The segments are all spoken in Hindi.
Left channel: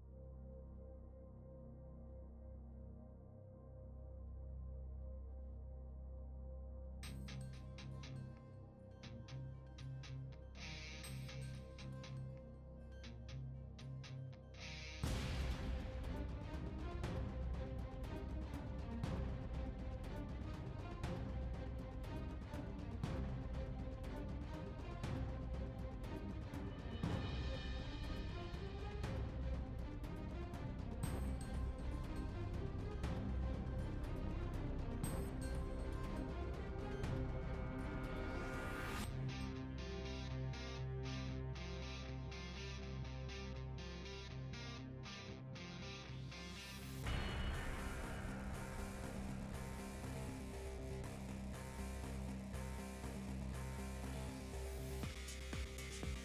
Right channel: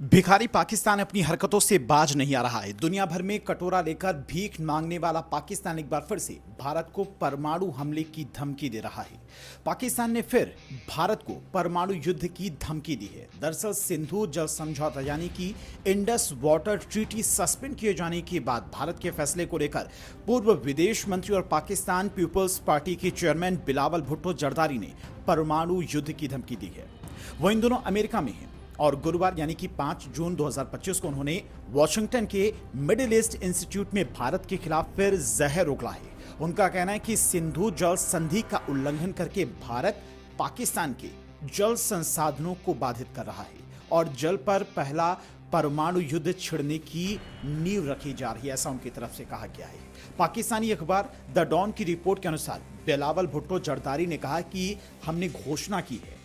भिखारी पाकिस्तान अपनी हरकतों से बाज नहीं आ रहा है। दुनिया भर में कटोरा लेकर भीख मांगने वाला पाकिस्तान एक बार फिर से भारत को परमाणु हमले की धमकी दे रहा है। पाकिस्तान ने फिर भारत को परमाणु युद्ध की धमकी दी है। दरअसल सिंधु जल समझौता यानी कि इंडस वाटर ट्रीटी सस्पेंड किए जाने के बाद भारत के फैसले को लेकर पूर्व विदेश मंत्री और पाकिस्तान पीपल्स पार्टी के चेयरमैन बिलावल भुट्टो जरदारी ने परमाणु युद्ध की धमकी दी है। वो इन दोनों अमेरिका में हैं और गुरुवार यानी कि 5 जून 2025 को उन्होंने वॉशिंगटन के मिडिल ईस्ट इंस्टीट्यूट में भारत के खिलाफ फिर जहर उगला है। उनका कहना है कि सिंधु जल संधि का उल्लंघन करके भारत पाकिस्तान के जल संसाधनों को बाधित कर रहा है और जल पर पहला परमाणु युद्ध छिड़ने की नींव रखी जा रही है, ऐसा उनकी तरफ से कहा गया है। पाकिस्तानी अखबार द डॉन की रिपोर्ट के अनुसार बिलावल भुट्टो जरदारी ने कहा कि हमने घोषणा की है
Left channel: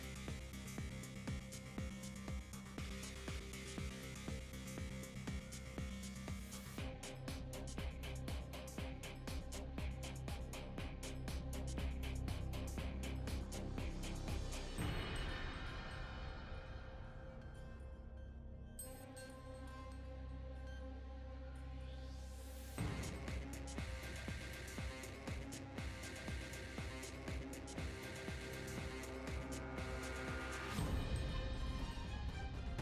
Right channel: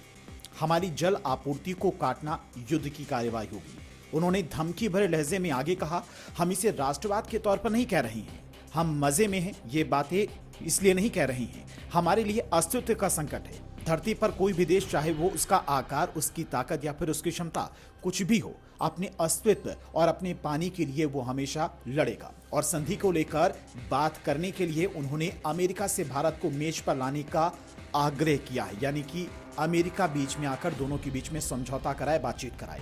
हमारी जल आपूर्ति को काटना युद्ध की कार्रवाई होगी। उन्होंने धमकी भरे लहजे में आगे कहा, हम इसे राष्ट्रवाद के तौर पर नहीं कह रहे हैं, हम मजे में हैं, ये बातें इसलिए नहीं कह रहे हैं, हमारे लिए अस्तित्व का संकट है। धरती पर कोई भी देश, चाहे वो उसका आकार, उसकी ताकत या फिर उसकी क्षमता कुछ भी हो, अपने अस्तित्व और अपने पानी के लिए वो हमेशा लड़ेगा। और संधि को लेकर बात करने के लिए उन्होंने अमेरिका से भारत को मेज पर लाने का आग्रह किया है, यानी कि अमेरिका बीच में आकर दोनों के बीच में समझौता कराए, बातचीत कराए।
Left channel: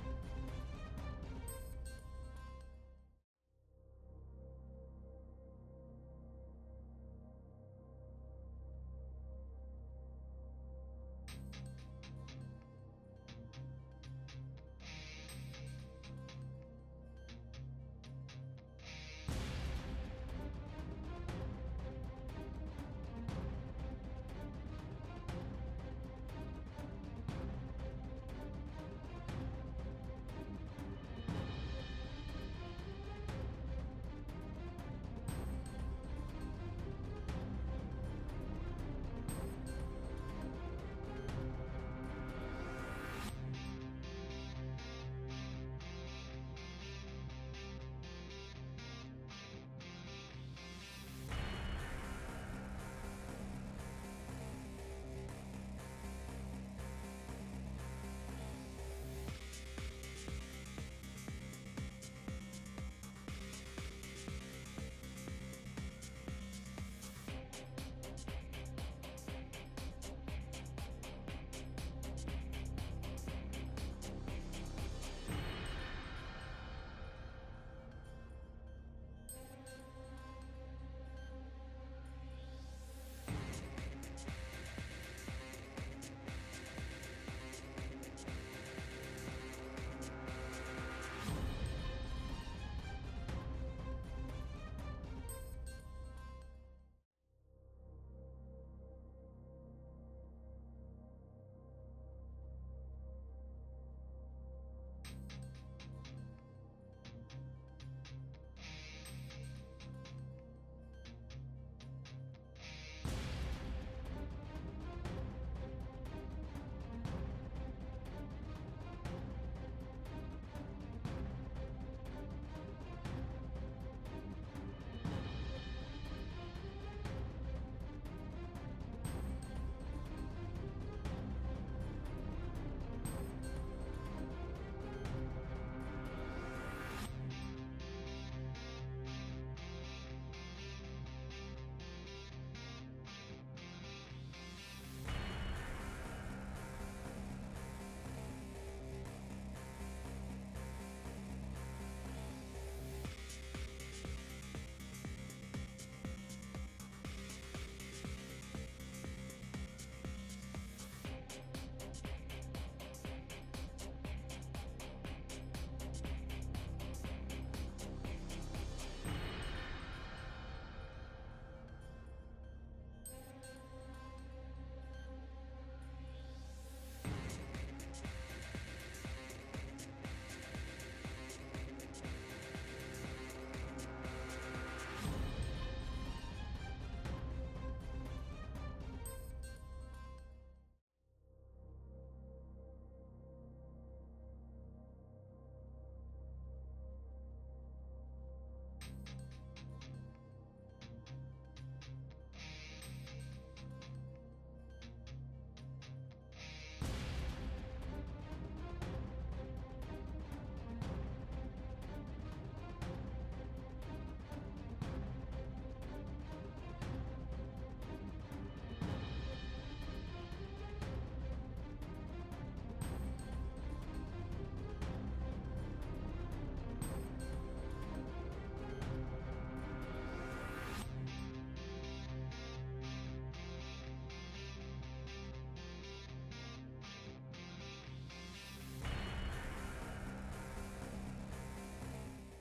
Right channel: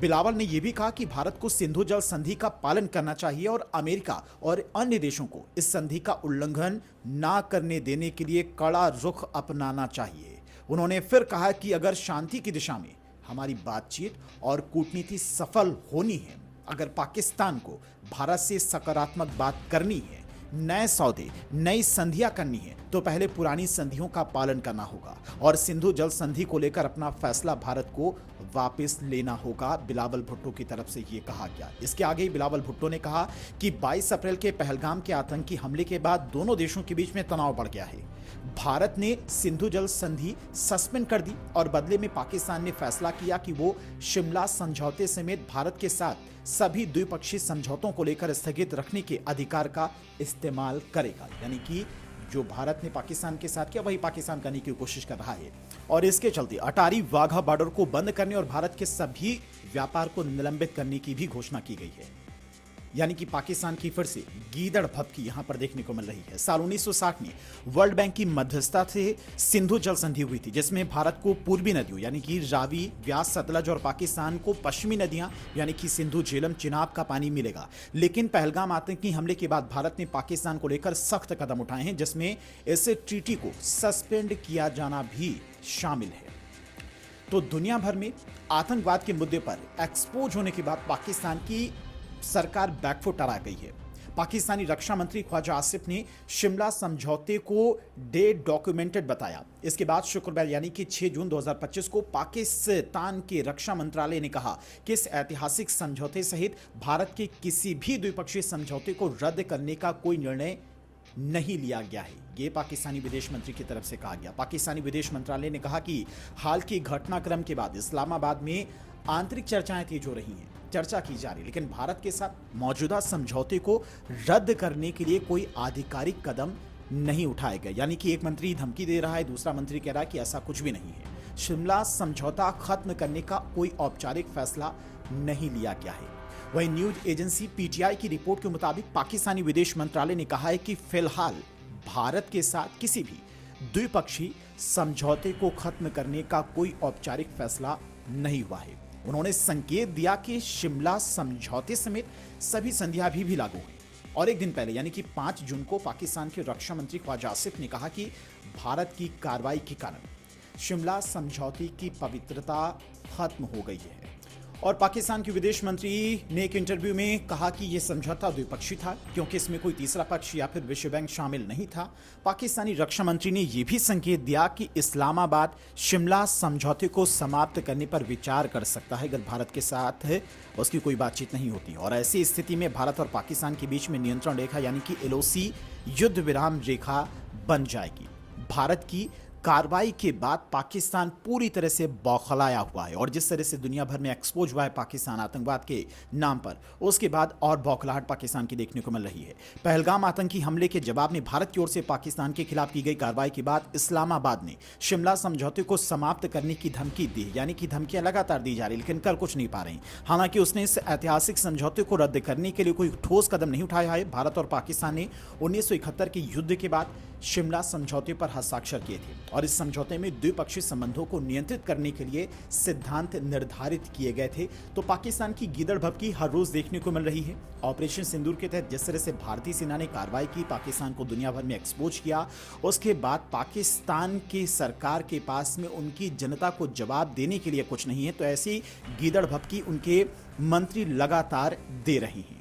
बिलावल ने यह भी कहा कि भारत को सिंधु जल संधि का पालन करना चाहिए और अमेरिका और अन्य देशों को इस संधि का उल्लंघन ना करने देने के लिए कड़ा रुख अपनाना चाहिए। उन्होंने फिर कहा कि अगर शांति की दिशा में हमारी बातचीत और कूटनीति सफल होनी है, अगर पाकिस्तान को भारत से सकारात्मक बात करनी है, नए सौदे, नई संधियां करनी है, तो पहले पुरानी संधियों का पालन करना होगा और सिंधु जल संधि को लेकर अपना फैसला भारत को वापस लेना होगा, बिलावल भुट्टो की तरफ से ये कहा गया। इसके आगे ही बिलावल भुट्टो ने कहा कि 22 अप्रैल के पहलगाम के आतंकी हमले के बाद दोनों देशों के बीच में तनाव बढ़ गया है। भारत ने सिंधु जल संधि सस्पेंड कर दी और बदले में पाकिस्तान ने फैसला किया कि वो शिमला समझौते समेत भारत के साथ सभी द्विपक्षीय समझौतों को लेकर स्थगित रखने के अधिकार का इस्तेमाल करेगा। यानी कि जो भारत ने पाकिस्तान के साथ किया वही पाकिस्तान करने की कोशिश कर रहा है और इसके चलते अटारी वाघा बॉर्डर को बंद करने और भारत के सभी व्यापार को निलंबित करने की भी घोषणा की गई है। यानी कि पाकिस्तान की फिर से गीदड़ भभकी यहां पर देखने को मिल रही है। साल 1960 में वर्ल्ड बैंक की मध्यस्थता से सिंधु जल संधि हुई थी, जिसमें भारत को पूर्वी नदियों यानी कि रावी, व्यास, सतलज और पाकिस्तान को पश्चिमी नदियां यानी कि सिंधु, झेलम, चिनाब का पानी मिलेगा। लेकिन पहलगाम आतंकी हमले के बाद भारत ने पाकिस्तान को लेकर सख्त कदम उठाए हैं, जिसमें इस ट्रीटी को सस्पेंड किया जाना भी शामिल है। तो दुनिया भर में आतंकवाद के मुद्दे पर एक्सपोज होने के बाद पाकिस्तान की सरकार बैकफुट आ गई है। पाकिस्तानी रक्षा मंत्री ख्वाजा आसिफ ने शिमला समझौते को डे डॉक्यूमेंटेड बताया। इसके बाद शुक्रवार यानी कि 6 जून 2025 को पाकिस्तान के रक्षा मंत्रालय ने कहा कि इस ऐतिहासिक समझौते सहित भारत के किसी भी द्विपक्षीय समझौते को रद्द करने का कोई निर्णय नहीं लिया गया है। ये पाकिस्तानी विदेश मंत्री की तरफ से कहा गया। पाकिस्तानी विदेश मंत्रालय ने कहा कि हाल के घटनाक्रम के बाद इस्लामाबाद में आंतरिक चर्चाएं तेज हो रही हैं, चर्चा की जा रही है, लेकिन भारत के साथ मौजूदा समझौते को रद्द करने के लिए कोई आधिकारिक कदम नहीं उठाए गए। यानी कि एक मंत्री धमकी दे रहा है, दूसरा मंत्री कह रहा है कि ऐसा कुछ भी नहीं है। शिमला समझौता खत्म करने का कोई औपचारिक फैसला नहीं लिया गया है। वहीं न्यूज एजेंसी पीटीआई की रिपोर्ट के मुताबिक पाकिस्तानी विदेश मंत्रालय ने कहा है कि फिलहाल भारत के साथ किसी भी द्विपक्षीय समझौते को खत्म करने का कोई औपचारिक फैसला नहीं हुआ है। उन्होंने संकेत दिया कि शिमला समझौते समेत सभी संधियां भी लागू हैं। और एक दिन पहले यानी कि 5 जून को पाकिस्तान के रक्षा मंत्री ख्वाजा आसिफ ने कहा कि भारत की कार्रवाई के कारण शिमला समझौते की पवित्रता खत्म हो गई है। और पाकिस्तान के विदेश मंत्री ने एक इंटरव्यू में कहा कि यह समझौता द्विपक्षीय था क्योंकि इसमें कोई तीसरा पक्ष या फिर विश्व बैंक शामिल नहीं था। पाकिस्तानी रक्षा मंत्री ने यह भी संकेत दिया कि इस्लामाबाद शिमला समझौते को समाप्त करने पर विचार कर सकता है अगर भारत के साथ उसकी कोई बातचीत नहीं होती। और ऐसी स्थिति में भारत और पाकिस्तान के बीच में नियंत्रण रेखा यानी कि एलओसी युद्ध विराम रेखा बन जाएगी। भारत की कार्रवाई के बाद पाकिस्तान पूरी तरह से बौखलाया हुआ है और जिस तरह से दुनिया भर में एक्सपोज हुआ है पाकिस्तान आतंकवाद के नाम पर, उसके बाद और बौखलाहट पाकिस्तान की देखने को मिल रही है। पहलगाम आतंकी हमले के जवाब में भारत की ओर से पाकिस्तान के खिलाफ की गई कार्रवाई के बाद इस्लामाबाद ने शिमला समझौते को समाप्त करने की धमकी दी, यानी कि धमकियां लगातार दी जा रही, लेकिन कर कुछ नहीं पा रही। हालांकि उसने इस ऐतिहासिक समझौते को रद्द करने के लिए कोई ठोस कदम नहीं उठाया है। भारत और पाकिस्तान ने 1971 के युद्ध के बाद शिमला समझौते पर हस्ताक्षर किए थे और इस समझौते में द्विपक्षीय संबंधों को नियंत्रित करने के लिए सिद्धांत निर्धारित किए गए थे। तो पाकिस्तान की गीदड़ भभकी हर रोज देखने को मिल रही है। ऑपरेशन सिंदूर के तहत जिस तरह से भारतीय सेना ने कार्रवाई की, पाकिस्तान को दुनिया भर में एक्सपोज किया, उसके बाद पाकिस्तान की सरकार के पास में उनकी जनता को जवाब देने के लिए कुछ नहीं है। तो ऐसी गीदड़ भभकी उनके मंत्री लगातार दे रहे हैं।